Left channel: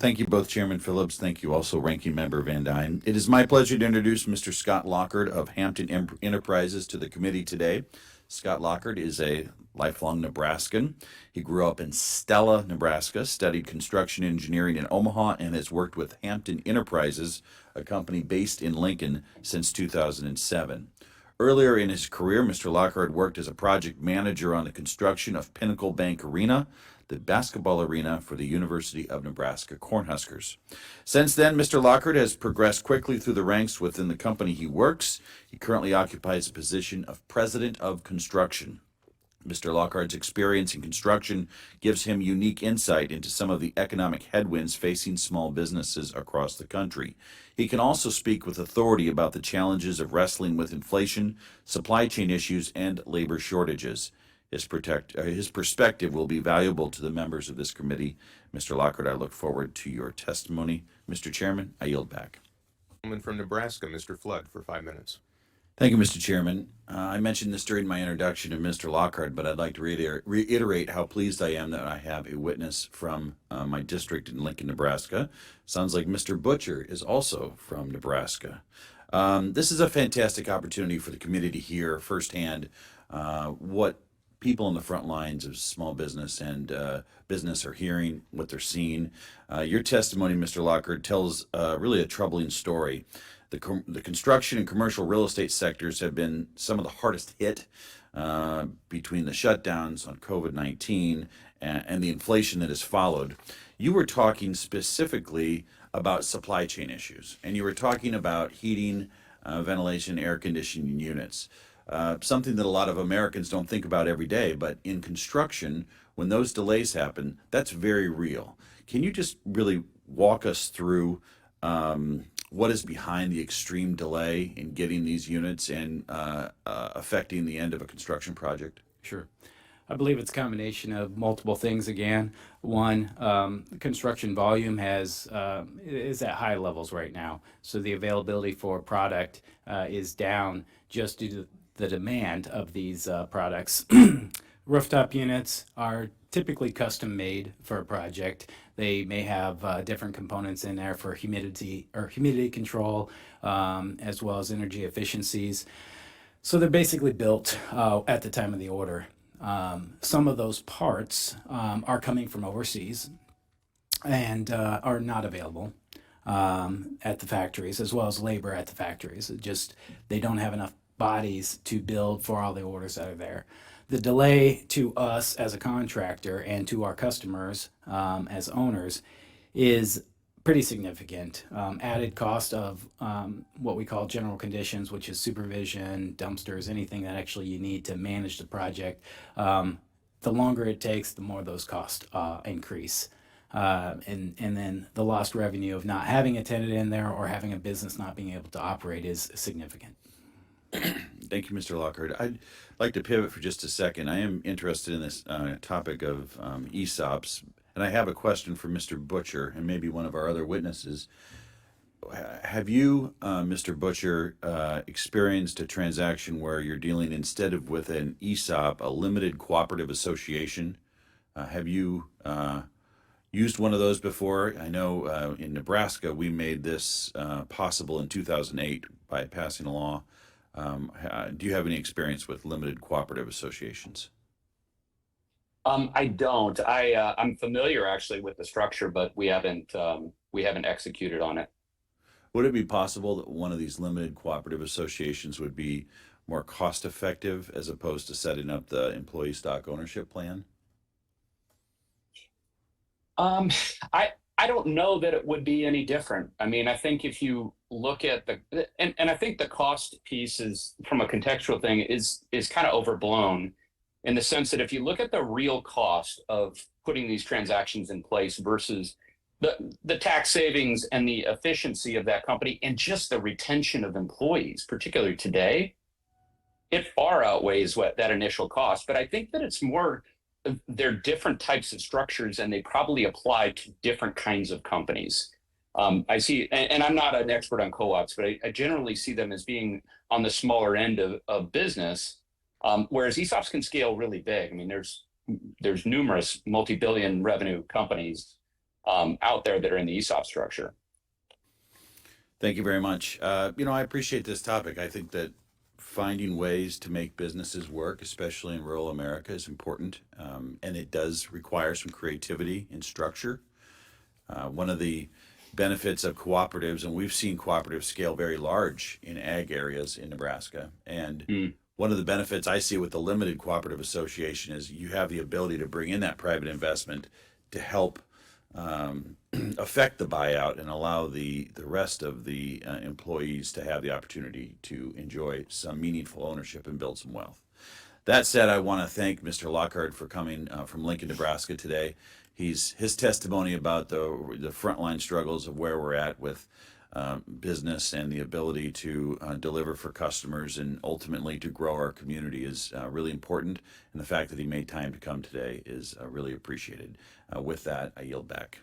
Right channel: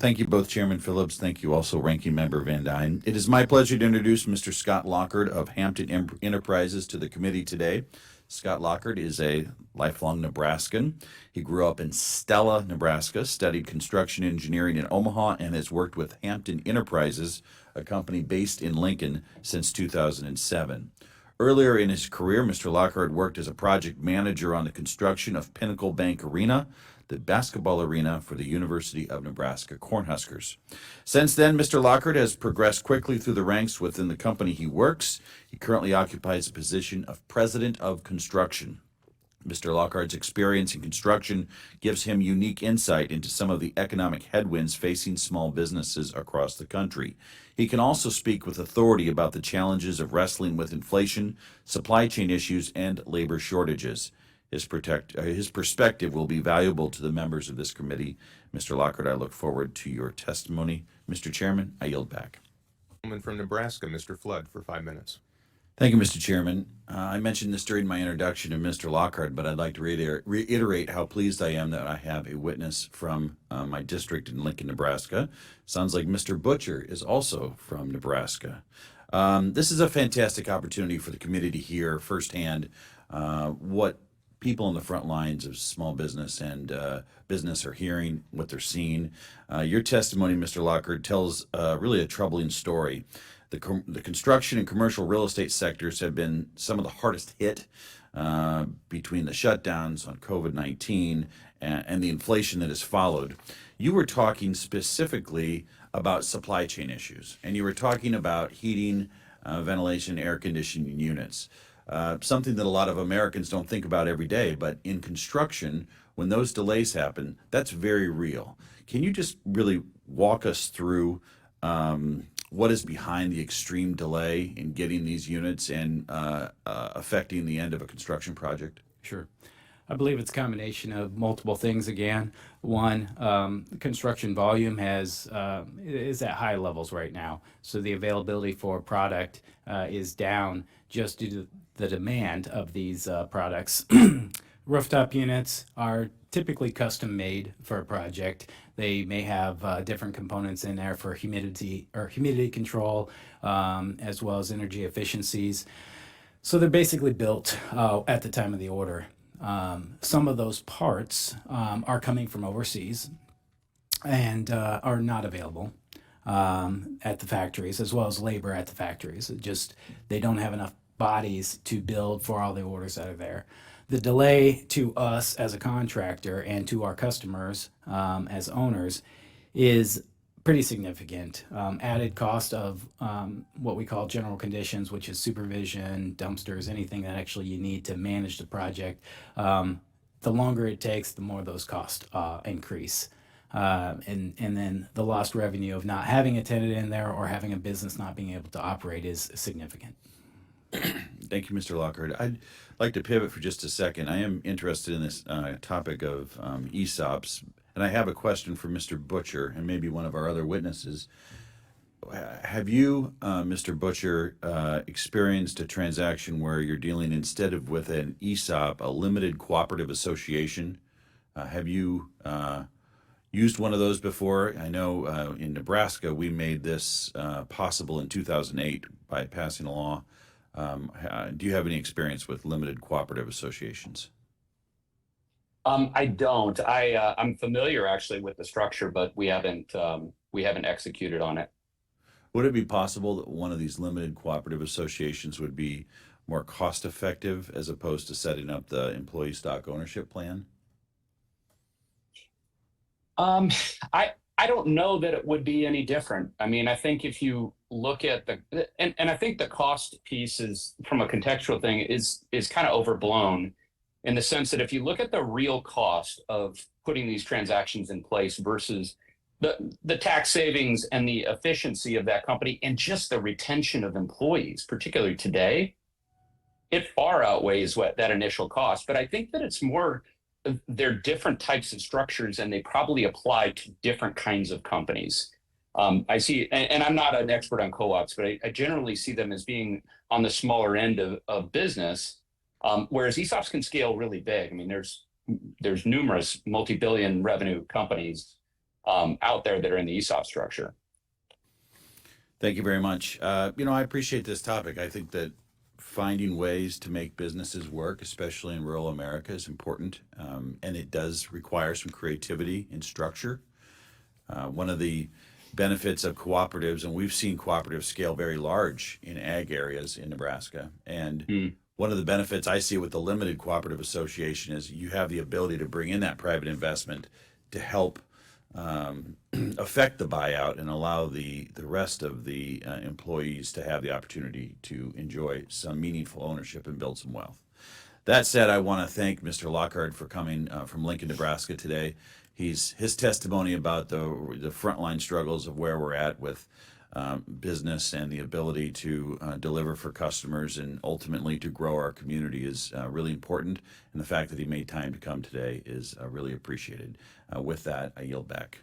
Thank you both, Chairman Phillips. Thank you also, Ranking Member Van Dyne. It is my pleasure to introduce Mr. Scott Lockard of Hampton Enterprises to the committee today. Scott Lockard is a lifelong Nebraskan. He grew up in Stella, Nebraska, studied construction engineering in Omaha, and has worked with Hampton Enterprises, a company based in Lincoln, since 2007. Earlier in his career, Mr. Lockhart worked as a project manager on the construction of Pinnacle Bank Arena, the basketball arena for the University of Nebraska Cornhuskers. Since then, Mr. Lockhart has progressed quickly through the ranks within the company he works. He currently occupies the position of President of Construction. Mr. Lockhart's experience in construction gives him unique insight into some of the economic headwinds facing small businesses across the country. He can also speak with authority about the challenges of wrestling with inflation, supply chain issues, and labor shortages. His perspective will be valuable to the members of this committee. Mr. Lockhart, I look forward to your testimony. Mr. Chairman, I yield back. Gentleman from Nebraska, Mr. Flood, for 5 minutes. Thank you, Mr. Chairman. I mentioned this during my introduction to Mr. Lockhart, but I'd like to reiterate how pleased I am that I have a witness from my district in Lincoln, Nebraska. Sounds like Mr. Butcher is also from Nebraska. This is a fantastic opportunity for the committee to hear firsthand what people on the front lines of small business and business are hearing, what they're seeing. Your testimony, Mr. Lockhart, tells really a troubling story. The construction and commercial real estate sectors have been some of the hardest hit between the shutdowns on COVID-19 and the inflation that has followed. You were talking specifically about supply chain issues, and you were talking about heating, ventilation, air conditioning units. Something that a lot of Americans don't think about every day, but in construction, when those delays happen, that's very real. Can you just really walk us through what is behind the extreme delay in getting these units and affecting the end of a construction project? Sure. I believe it's a combination of multiple things again. One, construction volume is at high levels right now. So the availability for product is down just due to the demand of these products. Rooftop units are typically custom made for a project. They may have different components in there for humidity control, as well as energy efficiencies. So they're basically built at the time of the order. Some of those parts are coming from overseas and are not available at the factories, as well as labor at the factories. They don't have enough bodies to build for all the orders that are there. The delay to us as a contractor and to our customers as owners is pretty significant. Added cost of what we call general conditions, which is supervision, dumpsters, anything that actually you need to manage the project. The longer it takes, the more those costs increase. And then the lost revenue of not having a tenant in there or having a business not being able to operate is significant. Thank you, Mr. Lockhart. I'd like to pivot for just a second. I am interested in this topic of ESOPs, and I have a question for Mr. Butcher and maybe one of our other witnesses. Have you, Mr. Butcher, experienced a transaction where you're dealing instead of with an ESOP, a limited cooperative association? Have you used one of those before? I know in Nebraska we made this possible in 2008 by passing a law. Do you have any experience with limited cooperative associations? I don't. I'm familiar actually with the structure, but we haven't executed on it. Would it be possible that one of these limited cooperative associations would be more cost effective as opposed to setting up the employee stock ownership plan? I don't know that it would be any different. I mean, I think if you look at and I think the cost piece is, from a contextual thing, is kind of overblown, in the sense that if you look at the real cost of putting these transactions in place versus the tax savings and the efficiency of that company and just the retention of employees, particularly today, it far outweighs that initial cost. But I think that it's more, they're different types of structures and they probably apply to different kinds of companies. I see, and I'm not an expert on co-ops, but I generally see them as being on the smaller end of business, whereas ESOPs can scale really big. I mean, there's numerous multi-billion revenue companies out there that are in the ESOP structure. Thank you very much. I appreciate this topic. I think that finding ways to make businesses work, especially in rural America, is important. And it does require some creativity and structure. One of the benefits of cooperatives, and we've seen cooperatives scale very large in ag areas in Nebraska. And one of the benefits I see with the limited cooperative association is you have the ability to bring in that private investment to help affect the buyout and allow the rest of the employees to have the opportunity to enjoy some meaningful ownership and build some wealth. That said, I want to thank Mr. Lockhart for coming from Lincoln, Nebraska today. His testimony about the frontline struggles of where we're at with business and the ability to deliver for customers and ultimately to grow our community is really important. And the fact that he made time to come today is really appreciated. With that, I yield back.